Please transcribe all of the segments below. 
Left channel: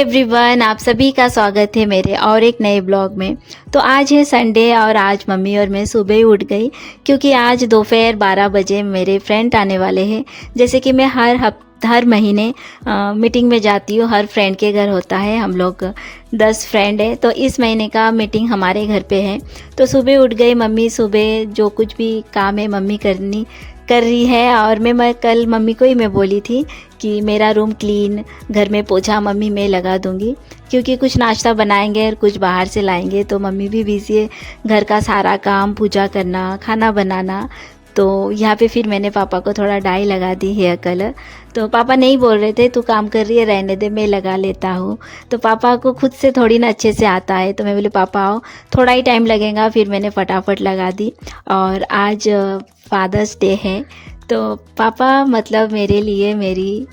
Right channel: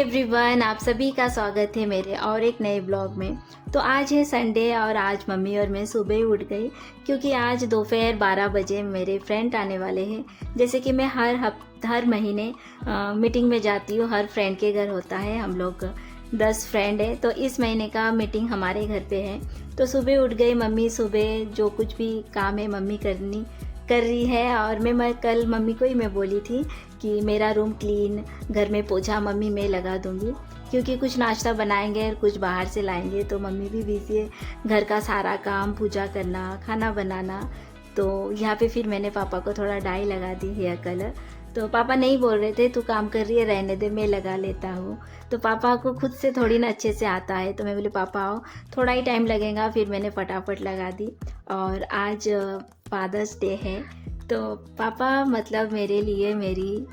Everyone, आप सभी का स्वागत है मेरे और एक नए ब्लॉग में। तो आज है संडे और आज मम्मी और मैं सुबह ही उठ गई क्योंकि आज दोपहर 12 बजे मेरे फ्रेंड आने वाले हैं। जैसे कि मैं हर महीने मीटिंग में जाती हूँ, हर फ्रेंड के घर होता है। हम लोग 10 फ्रेंड है, तो इस महीने का मीटिंग हमारे घर पे है। तो सुबह उठ गई मम्मी, सुबह जो कुछ भी काम है मम्मी कर रही है। और मैं कल मम्मी को ही मैं बोली थी कि मेरा रूम क्लीन, घर में पोछा मम्मी मैं लगा दूंगी क्योंकि कुछ नाश्ता बनाएंगे और कुछ बाहर से लाएंगे। तो मम्मी भी बिजी है, घर का सारा काम, पूजा करना, खाना बनाना। तो यहाँ पे फिर मैंने पापा को थोड़ा डाई लगा दी, हेयर कलर। तो पापा नहीं बोल रहे थे तू काम कर रही है, रहने दे, मैं लगा लेता हूँ। तो पापा को खुद से थोड़ी ना अच्छे से आता है, तो मैं बोली पापा आओ, थोड़ा ही टाइम लगेगा। फिर मैंने फटाफट लगा दी। और आज फादर्स डे है, तो पापा मतलब मेरे लिए मेरी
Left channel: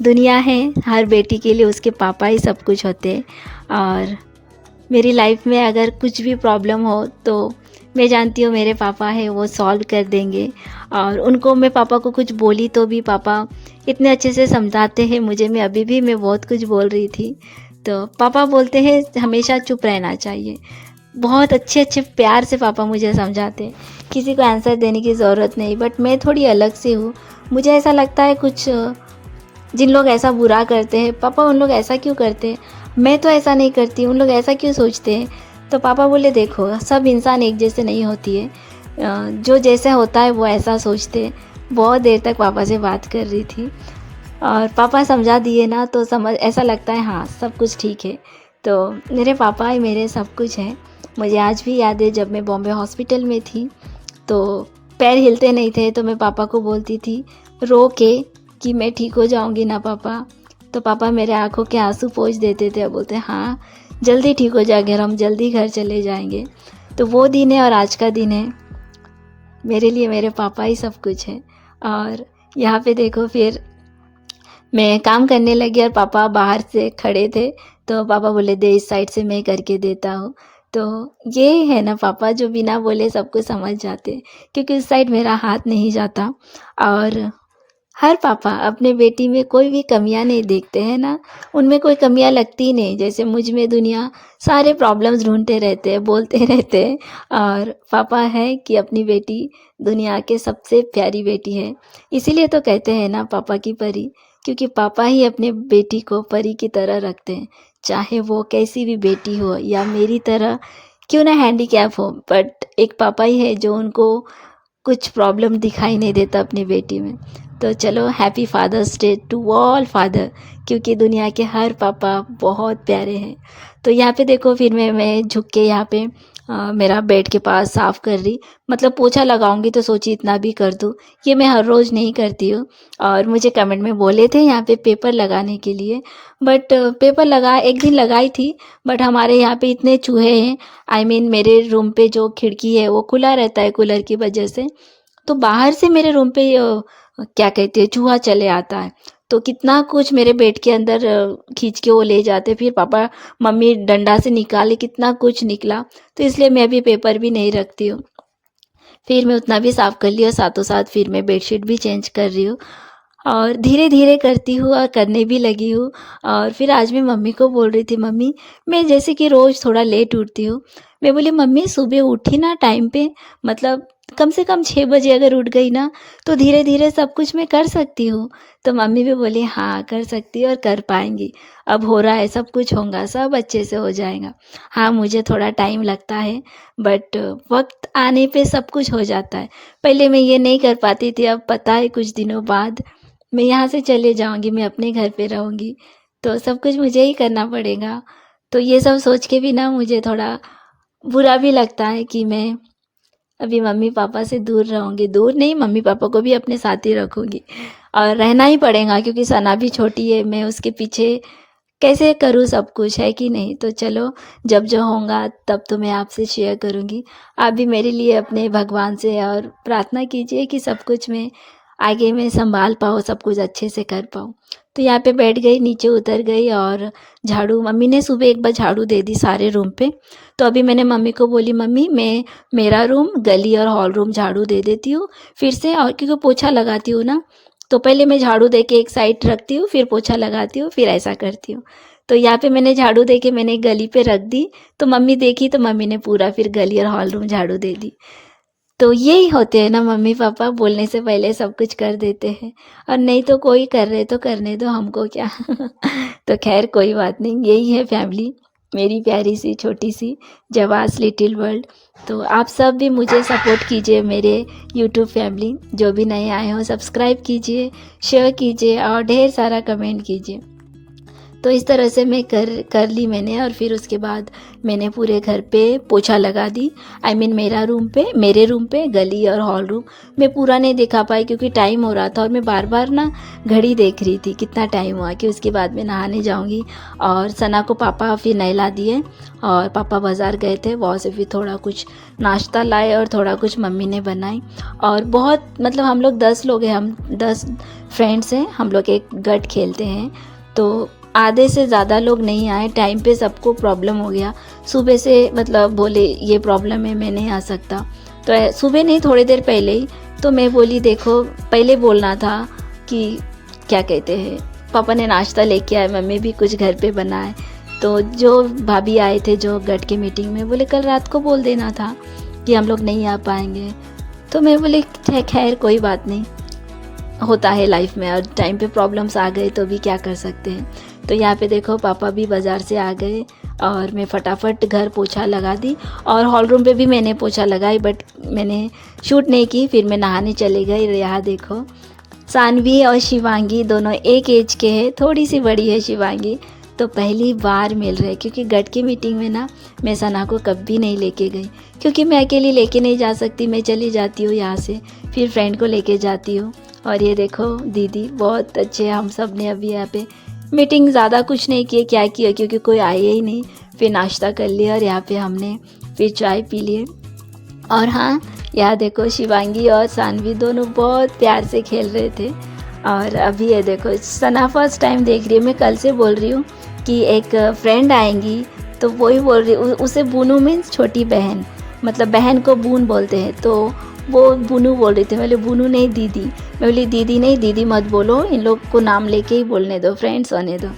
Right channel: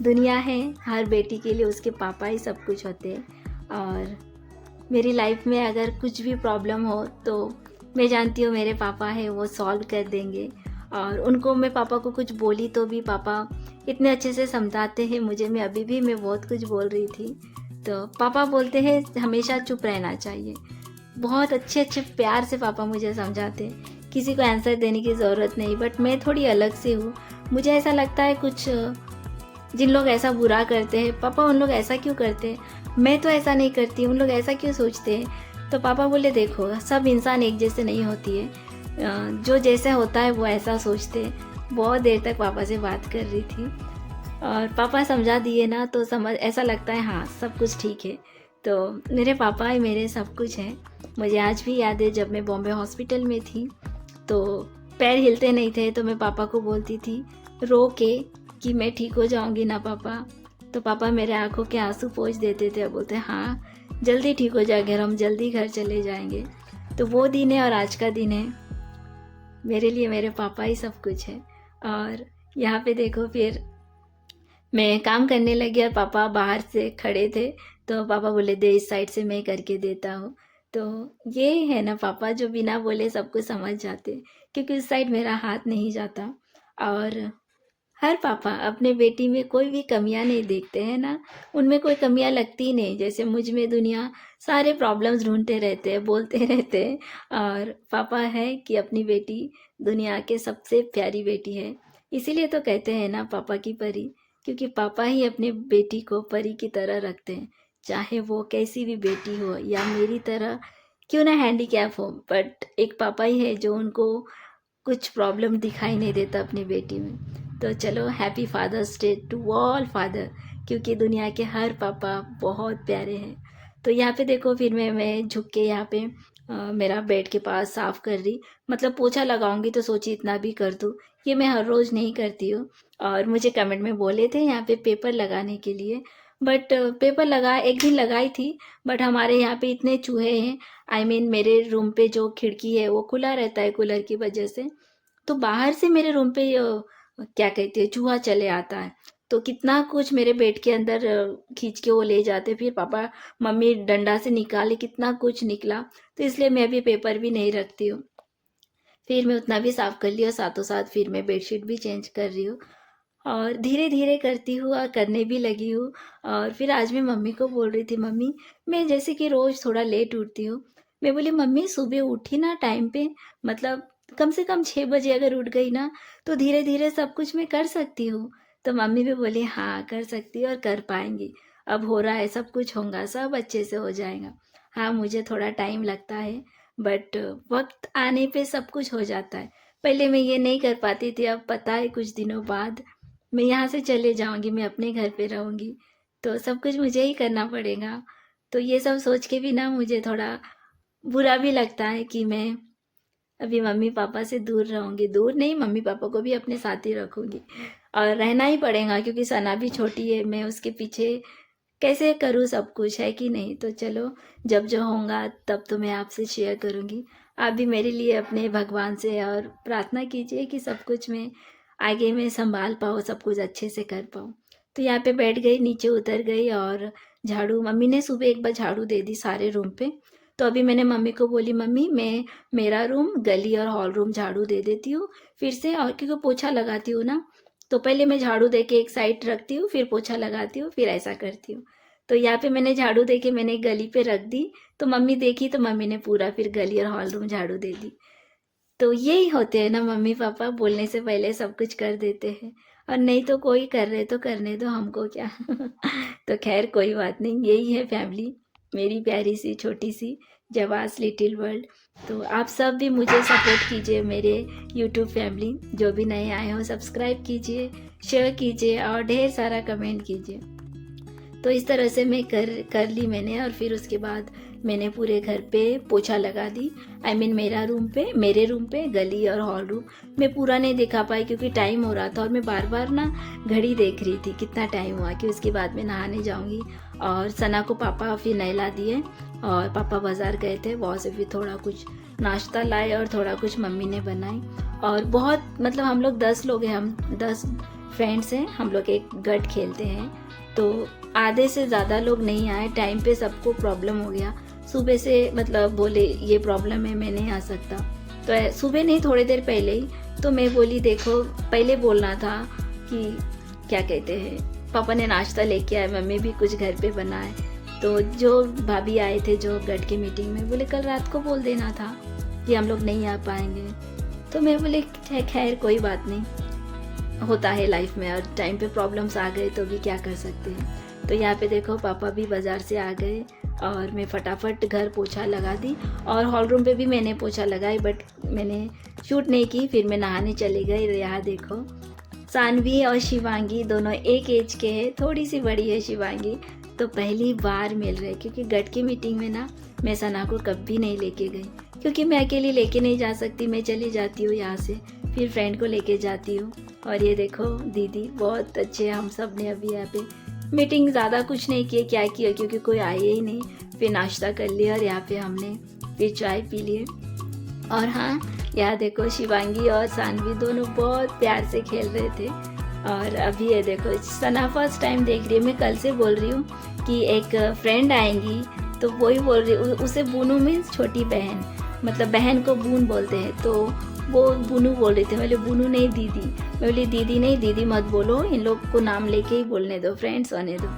दुनिया है। हर बेटी के लिए उसके पापा ही सब कुछ होते हैं। और मेरी लाइफ में अगर कुछ भी प्रॉब्लम हो तो मैं जानती हूँ मेरे पापा है, वो सॉल्व कर देंगे। और उनको मैं पापा को कुछ बोली तो भी पापा इतने अच्छे से समझाते हैं मुझे। मैं अभी भी मैं बहुत कुछ बोल रही थी तो पापा बोलते हैं हमेशा चुप रहना चाहिए। बहुत अच्छे अच्छे प्यार से पापा मुझे समझाते हैं, किसी को आंसर देने की ज़रूरत नहीं। बट मैं थोड़ी अलग से हूँ, मुझे ऐसा लगता है कुछ जिन लोग ऐसा बुरा करते हैं, पापा उन लोग ऐसा क्यों करते हैं, मैं तो ऐसा नहीं करती, उन लोग ऐसा क्यों सोचते हैं। तो पापा बोले देखो, सब इंसान एक जैसे नहीं होती है, जो जैसे होता है वो ऐसा सोचते हैं। बहुत देर तक पापा से बात कर रही थी और पापा समझा दिए ना, तो समझ ऐसा लगता है हाँ सब कुछ ठीक है। तो मेरे पापा ही मेरे सब कुछ हैं। मुझे आज भी याद है जब मैं बॉम्बे हॉस्पिटल में थी तो पैर हिलते नहीं थे, तो मैं पापा को बोलती थी रो के कि मैं ठीक हो जाऊंगी ना पापा। तो पापा मेरे आंखों के आंसू पोंछ देते थे और बोलते हाँ जल्दी ठीक हो जाएंगे, हम जल्दी घर चले जाएंगे। तो वो दिन है और आज का दिन है, मेरे लिए मेरे पापा ही सब कुछ है। और यहाँ पे देखो, फिर मैं काम करने लगी और पापा बाहर से खड़े थे, तो पापा बोले दे इस साइड से, मैं करके देता हूँ। तो ये है ना पापा जो बिना बोले सब कुछ समझ जाते, क्योंकि उस साइड मेरा हाथ नहीं जाता। और हर पापा अपने बेटी में कोई भी कमियां नहीं देखते हैं ना, उनमें कोई कमियां लगती ही नहीं। जैसे मुझ में दुनिया सारे प्रॉब्लम्स ढूंढते रहते हैं, बोलते रहते हैं। और पापा है कि अपनी बेटी दुनिया के सबसे प्यारी बेटी है। इसीलिए तो कहते हैं ना पापा की परी, क्योंकि पापा ही अपने बेटी को परी की तरह रखते हैं। चाहे वो कैसी भी बेटी हो या मेरी तरह क्यों ना हैंडीकैप हो, बट एक पापा ही है जो उनको कुछ प्रॉब्लम दिखाई नहीं देता अपनी बेटी में। तो चलो happy Father's Day to all father, क्योंकि दुनिया के हर पापा बहुत प्यारे हैं। तो यहाँ पे देखो, फिर मैं झुक के यहाँ पे मेरा बेड के पास साफ़ कर रही, मतलब पोछा लगाऊंगी तो सोची इतना भी कर दूँ। ये मैं हर रोज़ नहीं करती हूँ। और मुझे कमेंट में बोले थे यहाँ पे पेपर लगाने के लिए, बट पेपर लगा एक दिन लगाई थी, बट हमारे यहाँ पे इतने चूहे हैं। मेरे रूम पे जो खिड़की है वो खुला रहता है कूलर की वजह से, तो बाहर से मेरे रूम पे क्या कहते हैं, चूहा चले आता है। तो कितना कुछ मेरे बेड के अंदर खींच के वो ले जाते, फिर पापा मम्मी डंडा से निकाले, कितना कुछ निकला। तो इसलिए मैं भी पेपर भी नहीं रखती हूँ। फिर मैं उतना भी साफ़ कर लिया, साथों साथ फिर मैं बेडशीट भी चेंज कर रही हूँ। और धीरे धीरे करती हूँ और करने भी लगी हूँ। और फिर आज मैं मम्मी को बोल रही थी, मम्मी मैं जैसे कि रोज़ थोड़ा लेट उठती हूँ, मैं बोली मम्मी सुबह उठी ना टाइम पे, मतलब कम से कम 6 बजे अगर उठ गई ना तो धीरे धीरे सब कुछ मैं कर सकती हूँ। तो मम्मी भी बोली हाँ कर सकती है और कर पाएंगी, अब हो रहा है, सब कुछ होगा, सब अच्छे से हो जाएगा। हाँ मुझे थोड़ा टाइम लगता है, बट वक्त आने पे सब कुछ हो जाता है। पहले मैं ये नहीं कर पाती थी, अब पता है कुछ दिनों बाद मैं यहाँ से चले जाऊँगी, मैं अपने घर पे रहूँगी, तो सब कुछ मुझे ही करना पड़ेगा। तो ये सब सोच के भी ना मुझे थोड़ा बुरा भी लगता है कि मैं अभी मम्मी पापा से दूर रहूँगी। दूर नहीं, मम्मी पापा को भी अपने साथ ही रखूँगी और रहना ही पड़ेगा, क्योंकि सना भी छोटी है, मैं उसके पीछे कैसे करूँ सब कुछ, है कि नहीं। तो चलो, जब जो होगा तब तो मैं आपसे शेयर करूँगी। आप भी मेरे लिए अपने भगवान से और प्रार्थना कीजिए कि सब कुछ मैं आगे में संभाल पाऊँ, सब कुछ अच्छे से कर पाऊँ। तो यहाँ पे बैठ गई, नीचे उतर गई और झाड़ू, मम्मी ने सुबह एक बार झाड़ू दे दी सारे रूम पे। तो अभी मैंने मम्मी को बोली मम्मी मैं मेरा रूम, गली और हॉल रूम झाड़ू दे देती हूँ फिर से। और क्योंकि पोछा लगाती हूँ ना, तो पहले मैं झाड़ू दे के एक साइड रखती हूँ, फिर पोछा लगाती हूँ, फिर ऐसा करती हूँ। तो यहाँ पे मैंने झाड़ू दे के मैंने गली पे रख दी, तो मम्मी देखी तो मम्मी ने पूरा फिर गली और हॉल रूम झाड़ू दे दी। तो यही होते हैं ना मम्मी पापा, बोलने से पहले सब कुछ कर देते हैं। और नहीं तो कोई कर रहे तो करने दो, हमको क्या। तो खैर कोई बात नहीं, यही है फैमिली, मेरी प्यारी सी छोटी सी जवास लिटिल वर्ल्ड। तो आप सब भी मुझे सपोर्ट कीजिए, मेरे यूट्यूब फैमिली, जो भी नए आए हो सब्सक्राइब कीजिए, शेयर कीजिए और ढेर सारा कमेंट कीजिए। तो इस तरह से मैं कर ली मैंने, और फिर उसके बाद मैंने पूरे घर पे पोछा लगा दी। मेरे रूम पे गली और हॉल रूम मैं पूरा नहीं दिखा पाई क्योंकि टाइम हो रहा था, और मैं बार बार ना घड़ी देख रही थी कितना टाइम हुआ, कि उसके बाद मैं नहाने जाऊंगी। और सना को पापा फिर नहला दिए, और पापा बाज़ार गए थे, वहाँ से फिर थोड़ा कुछ नाश्ता लाए और थोड़ा कुछ मम्मी ने बनाई। और बहुत मतलब हम लोग 10 लोग हैं, हम 10 फ्रेंड्स हैं, हम लोग एक गट खेलते हैं। तो आधे से ज़्यादा लोग नहीं आए टाइम पे, सबको प्रॉब्लम हो गया सुबह से, मतलब बोले ये प्रॉब्लम है मैं नहीं आ सकता। तो सुबह नहीं, थोड़ी देर पहले ही तो मैं बोली देखो पहले बोलना था कि क्या कहते हैं, पापा ने नाश्ता लेके आए, मम्मी भी कुछ घर पे बनाए। तो जो भाभी आए थे जो गट के मीटिंग में, बोले कल रात को बोल देना था कि हम लोग नहीं आ पाएंगे। तो मैं बोली खैर कोई बात नहीं, होता है लाइफ में, और टाइम पे प्रॉब्लम्स आ गए तो भी क्या कर सकते हैं। तो यहाँ पे देखो पापा भी बाज़ार से आ गए, और मैं फटाफट घर पोछा लगा दी, और हॉल रूम पे भी मैंने पोछा लगाई, बट मैंने शूट नहीं की, फिर मैं नहाने चली गई। यहाँ देखो सानवी और शिवांगी दोनों एक एज के हैं, थोड़ी सी बड़ी है शिवांगी। तो पहली बार मिल रहे, क्योंकि गट की मीटिंग में ना मैं सना को कभी नहीं लेके गई, क्योंकि मैं अकेली लेके नहीं जा सकती, मैं चली जाती हूँ यहाँ से, फिर फ्रेंड को लेके जाती हूँ। और ये देखो दीदी बहुत अच्छे, हम सब ने अभी यहाँ पे मीटिंग ज़्यादा कुछ नहीं किए, क्या किया क्योंकि कोई आए ही नहीं, फिर नाश्ता कर लिया और यहाँ पे हमने फिर चाय पी लिए। और हाँ, यहाँ देखो शिवांगी और सानवी दोनों बहुत प्यार से खेल रहे थे। और अभी ये देखो सना फर्स्ट टाइम देख रही है, मैं कल से बोल रही हूँ कि एक फ्रेंड आएंगी, तो वही बोल रही, उसे बूनू मीन्स छोटी बहन, मतलब बहन को बून बोलते हैं, तो वो बूनू बोल रही थी। मैं बोली बूनू नहीं दीदी, मैं बोली दीदी नहीं, दीदी मत बोलो, इन लोग को नाम लेके ही बोलने दो, फ्रेंड्स होने दो।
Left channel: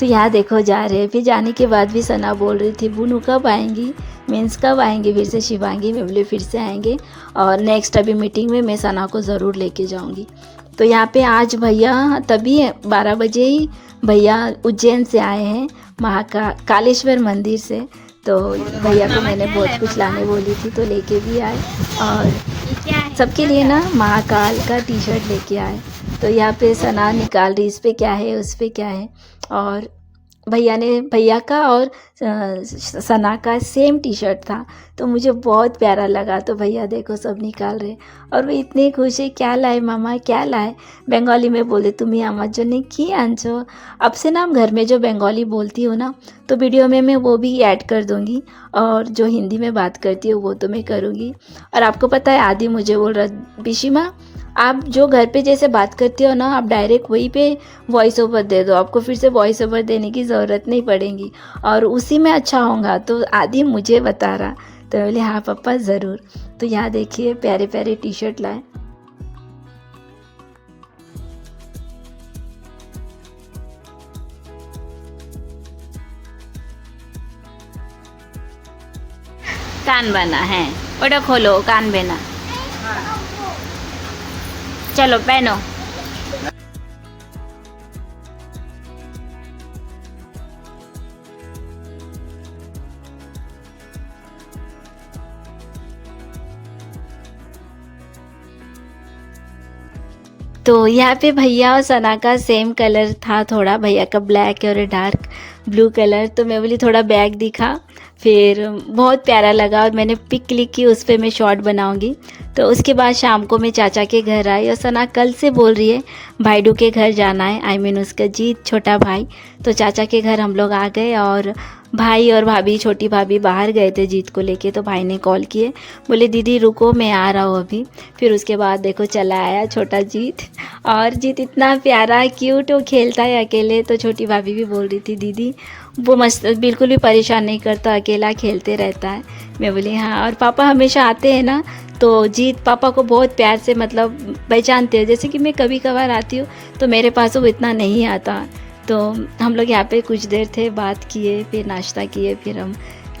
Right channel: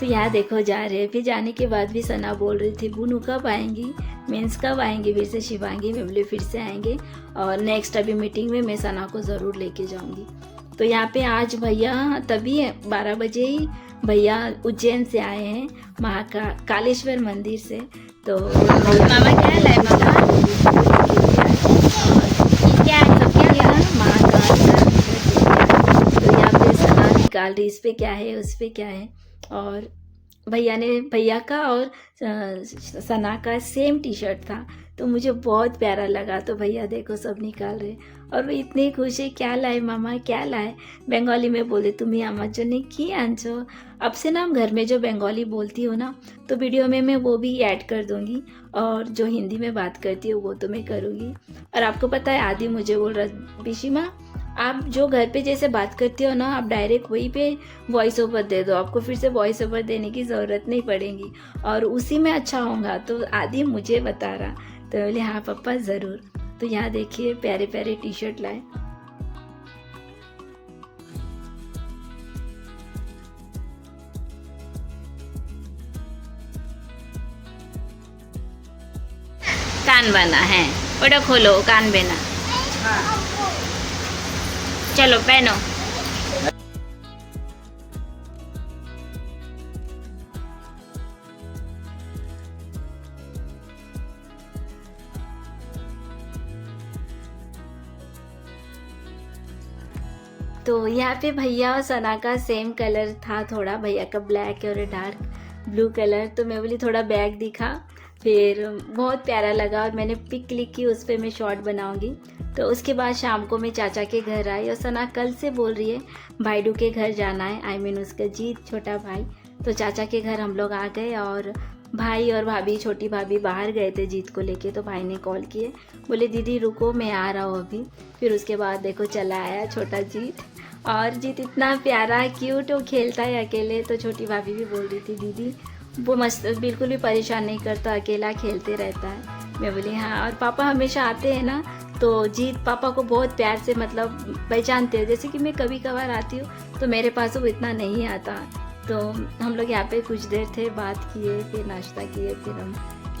तो यहाँ देखो जा रहे हैं, फिर जाने के बाद भी सना बोल रही थी बूनू कब आएंगी, मीन्स कब आएंगे फिर से शिवांगी। मैं बोली फिर से आएंगे, और नेक्स्ट अभी मीटिंग में मैं सना को ज़रूर लेके जाऊँगी। तो यहाँ पे आज भैया तभी 12 बजे ही भैया उज्जैन से आए हैं, कालेश्वर मंदिर से। तो भैया को मैंने बहुत कुछ लाने बोली थी, वो लेके भी आए, और सबके लिए ना महाकाल का टी शर्ट लेके आए। तो यहाँ पे सना निकाल रही, इस पर क्या है उस पर क्या है, और भैया का और सना का सेम टी शर्ट था, तो मुझे बहुत प्यारा लगा। तो भैया देखो सब निकाल रहे, और वो इतने खुश है, क्या लाए मामा क्या लाए, बंगाली में बोले तुम्हें आमा जो नहीं की आंचो। अब से ना हम घर में जो बंगाली बोलती हूँ ना, तो वीडियो में मैं वो भी ऐड कर दूँगी, और जो हिंदी में बात करती हूँ वो तो मैं करूँगी। और आपको पता है आदि मुझे बोल रहा बिशिमा, आप जो घर पे जैसे बात करती हो ना, आप डायरेक्ट वहीं पे वॉइस ओवर दे दो, आपको फिर से वॉइस ओवर देने की ज़रूरत नहीं पड़ेगी, और उसी में अच्छा होगा। तो आदि मुझे बता रहा, तो बोले हाँ पापा ज़रूर। तो यहाँ देखिए प्यारे प्यारे टी शर्ट लाए। कान बना है, ओटा खोलो कान बना, चलो पहनो। तो यहाँ पे भैया और सना का सेम कलर था, थोड़ा भैया का ब्लैक और डार्क ब्लू कलर। तो मैं बोली थोड़ा बैग दिखा, फिर बहुत प्यारा लगा, और मैंने पिक क्लिक की, उस पर मैं शॉर्ट बनाऊंगी। तो उसके बाद शाम को मैं चाचा के घर आई, और सना कल से बोल रही है भाईडू के घर जाना है, आई मीन उसका जीत छोटा भाई। तो चाचा के घर हम लोग आ गए, और भाई और भाभी, छोटी भाभी बाहर गए थे जीत को लेके। तो भाई ने कॉल किए, बोले दीदी रुको मैं आ रहा हूँ अभी। फिर उसके बाद देखो चला आया छोटा जीत, और जीत इतना प्यारा क्यूट, वो खेलता है अकेले। तो छोटी भाभी भी बोल रही थी दीदी वो मस्त, बिल्कुल भी परेशान नहीं करता, अकेला खेलते रहता है। मैं बोली हाँ, और पापा हमेशा आते हैं ना, तो जीत पापा को बहुत प्यार से मतलब पहचानते हैं। जैसे कि मैं कभी कभार आती हूँ तो मेरे पास वो इतना नहीं आता, तो हम लोग यहाँ पे कुछ देर थे, बात किए, फिर नाश्ता किए, फिर हम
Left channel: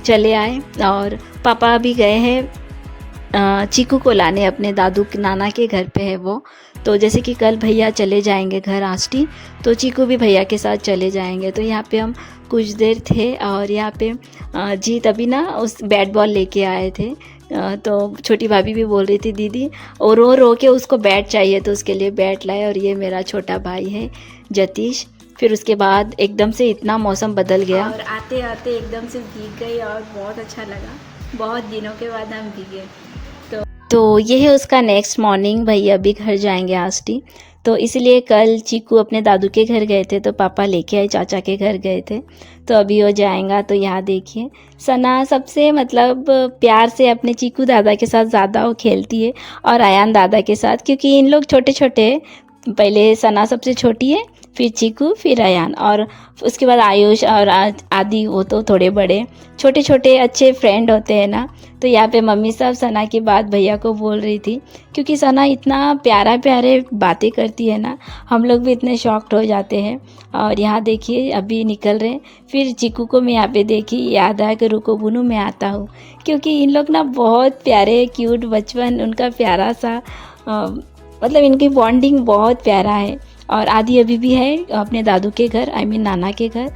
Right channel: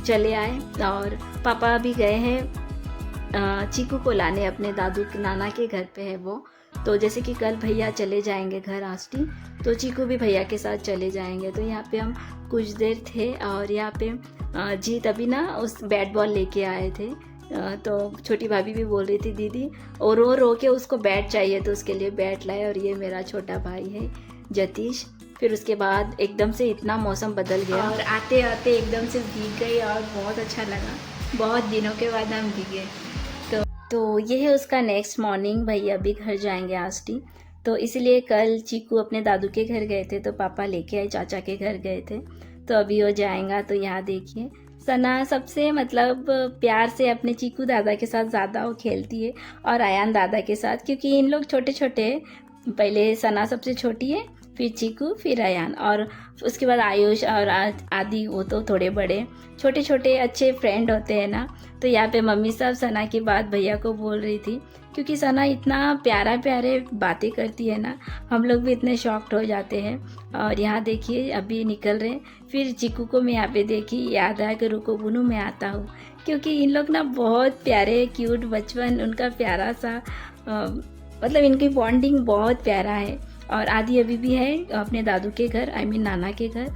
चले आए। और पापा अभी गए हैं चीकू को लाने, अपने दादू नाना के घर पे है वो। तो जैसे कि कल भैया चले जाएंगे घर आष्टी, तो चीकू भी भैया के साथ चले जाएंगे। तो यहाँ पे हम कुछ देर थे और यहाँ पे जीत अभी ना उस बैट बॉल लेके आए थे। तो छोटी भाभी भी बोल रही थी दीदी, और रो रो के उसको बैट चाहिए, तो उसके लिए बैट लाए। और ये मेरा छोटा भाई है जतीश। फिर उसके बाद एकदम से इतना मौसम बदल गया और आते आते एकदम से भीग गई और बहुत अच्छा लगा। बहुत दिनों के बाद हम भीगे। तो ये है उसका नेक्स्ट मॉर्निंग। भैया अभी घर जाएंगे आष्टी, तो इसलिए कल चीकू अपने दादू के घर गए थे, तो पापा लेके आए, चाचा के घर गए थे। तो अभी वो जाएगा। तो यहाँ देखिए सना सबसे मतलब प्यार से अपने चीकू दादा के साथ ज़्यादा वो खेलती है, और आयान दादा के साथ, क्योंकि इन लोग छोटे छोटे हैं। पहले सना सबसे छोटी है, फिर चीकू, फिर अयान, और उसके बाद आयुष और आदि, वो तो थोड़े बड़े। छोटे छोटे अच्छे फ्रेंड होते हैं ना। तो यहाँ पे मम्मी साहब सना की बात भैया को बोल रही थी, क्योंकि सना इतना प्यारा प्यारे बातें करती है ना, हम लोग भी इतने शॉक्ड हो जाते हैं। और यहाँ देखिए अभी निकल रहे हैं। फिर चीकू को मैं यहाँ पे देखी, याद आया कि रुको बुनू मैं आता हूँ, क्योंकि इन लोग ना बहुत प्यारे क्यूट, बचपन उनका प्यारा सा, मतलब इनकी बॉन्डिंग बहुत प्यारा है। और आदि अभी भी है अपने दादू के घर, आई मीन नाना के घर।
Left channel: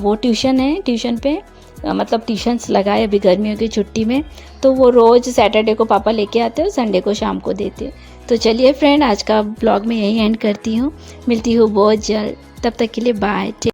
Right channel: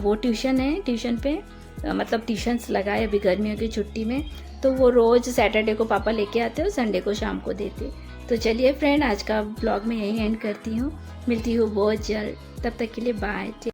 वो ट्यूशन है, ट्यूशन पे मतलब ट्यूशन्स लगाए अभी गर्मियों की छुट्टी में। तो वो रोज़ सैटरडे को पापा लेके आते हैं, संडे को शाम को देते। तो चलिए फ्रेंड, आज का ब्लॉग में यही एंड करती हूँ। मिलती हूँ बहुत जल्द, तब तक के लिए बाय।